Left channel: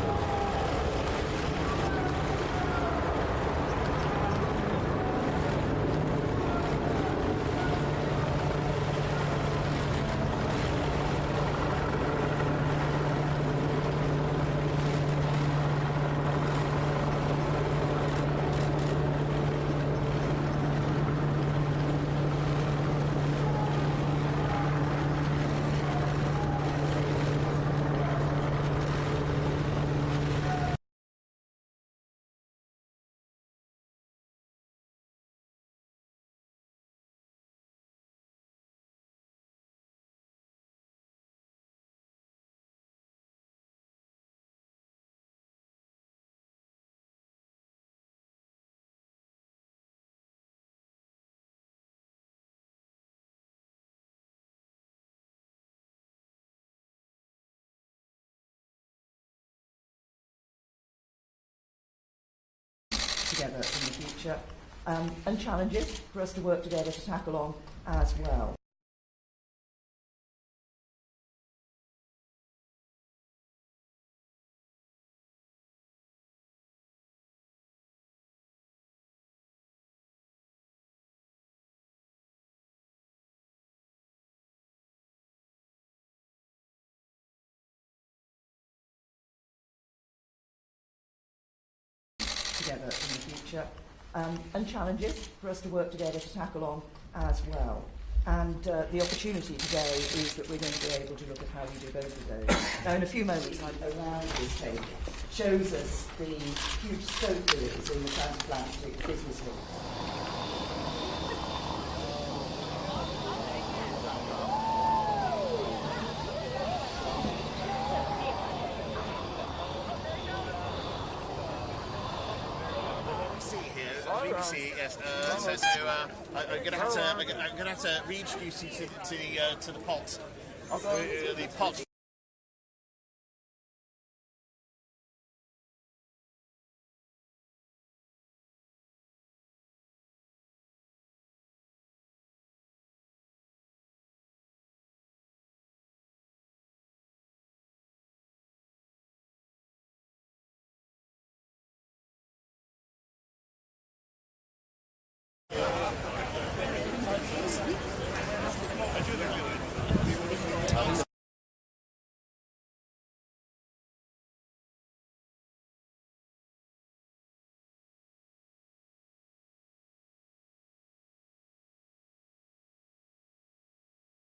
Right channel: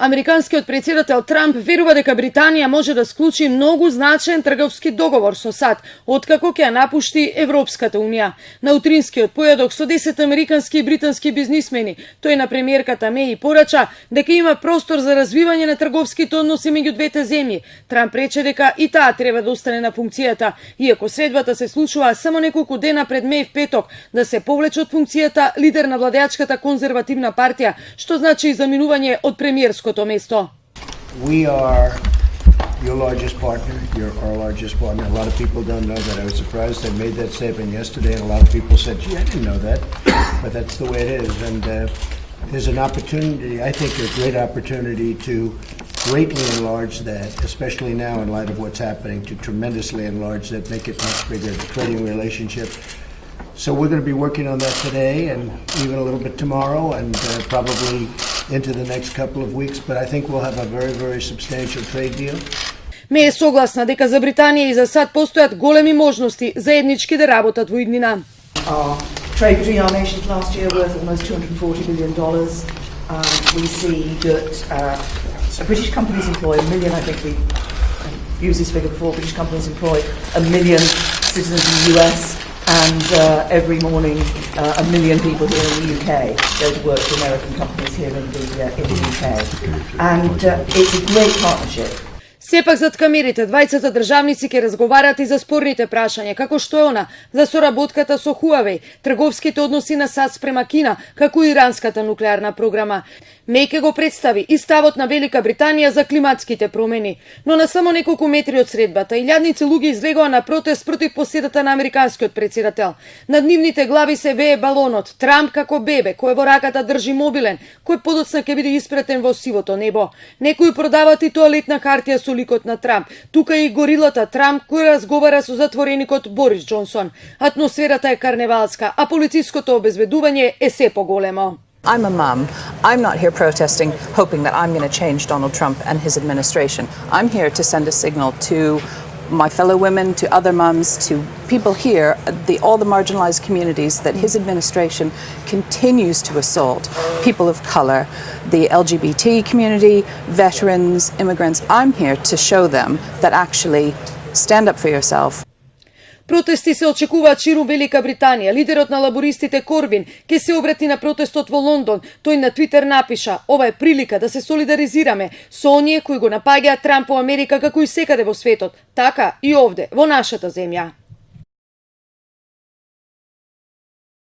Американскиот председател Трамп верува дека Британија може да склучи многу значаен трговски договор со САД, откако ќе ја напушти Европската унија. На утринскиот појадок со 10 американски и британски бизнисмени, тој на премиерката Меј порача дека има простор за развивање на трговските односи меѓу двете земји. Трамп рече дека и таа треба да остане на функцијата, иако средбата се случува само неколку дена пред Меј в петок да се повлече од функцијата лидер на владеачката конзервативна партија, што значи заминување од премиерското место. We are your largest partner. You're our largest partner. A lot of people don't know that. I was surprised I made that statement yesterday, and a lot of people said, "Gee, I didn't know that," but that's the way it is. And there's an opportunity, I think, a great opportunity to greatly enlarge that, especially now in light of what's happening, to tremendously enlarge that, make it much bigger, the trading relationship. So we're going to be working on that today and even a little bit tomorrow and probably into the next couple of weeks, but I think we'll have a very, very substantial trade deal. Меј е согласна дека за Британија и за САД постојат големи можности заеднички да работат во иднина. Trade between our nations last year worth almost $240 billion. We see that British companies employ 1 million, I think we used this figure before, British companies employ 1 million citizens in the US, and every morning 1 million people here in the UK go to work for American companies here in the UK. And it's a great partnership. Сепак зад камерите двајцата државници ќе разговарат и за спорните прашања, како што е она за соработката со Huawei, трговските односи на САД спрема Кина, како и иранската нуклеарна програма. Меј ќе го представи и ставот на Велика Британија за климатските промени, но на само неколку метри од средбата илјадници луѓе излегоа на протест против посетата на американскиот председател. Над нивните глави се вее балонот, Трамп како бебе, кој во раката држи мобилен, кој подоцна ќе биде испретен во сивото небо. Некои продаваат и тоалетна хартија со ликот на Трамп. Тука и горилата Трамп кој разговара со затвореникот Борис Џонсон. Атмосферата е карневалска, а полициското обезбедување е се поголемо. I'm a mum. I'm not here protesting, hoping that I'm going to change Donald Trump and his administration. I'm here to send a signal to my fellow women, to other mums, to people here, all the marginalized communities that his administration continues to assault, people of color, the LGBT community, veterans, immigrants. I'm here to show them that actually stand up for yourself. Протести се очекуваат ширу Велика Британија. Лидерот на лабористите Корбин ќе се обрати на протестот во Лондон. Тој на Твитер напиша: "Ова е прилика да се солидаризираме со оние кои го напаѓаат Трамп во Америка како и секаде во светот, така и овде, во нашата земја."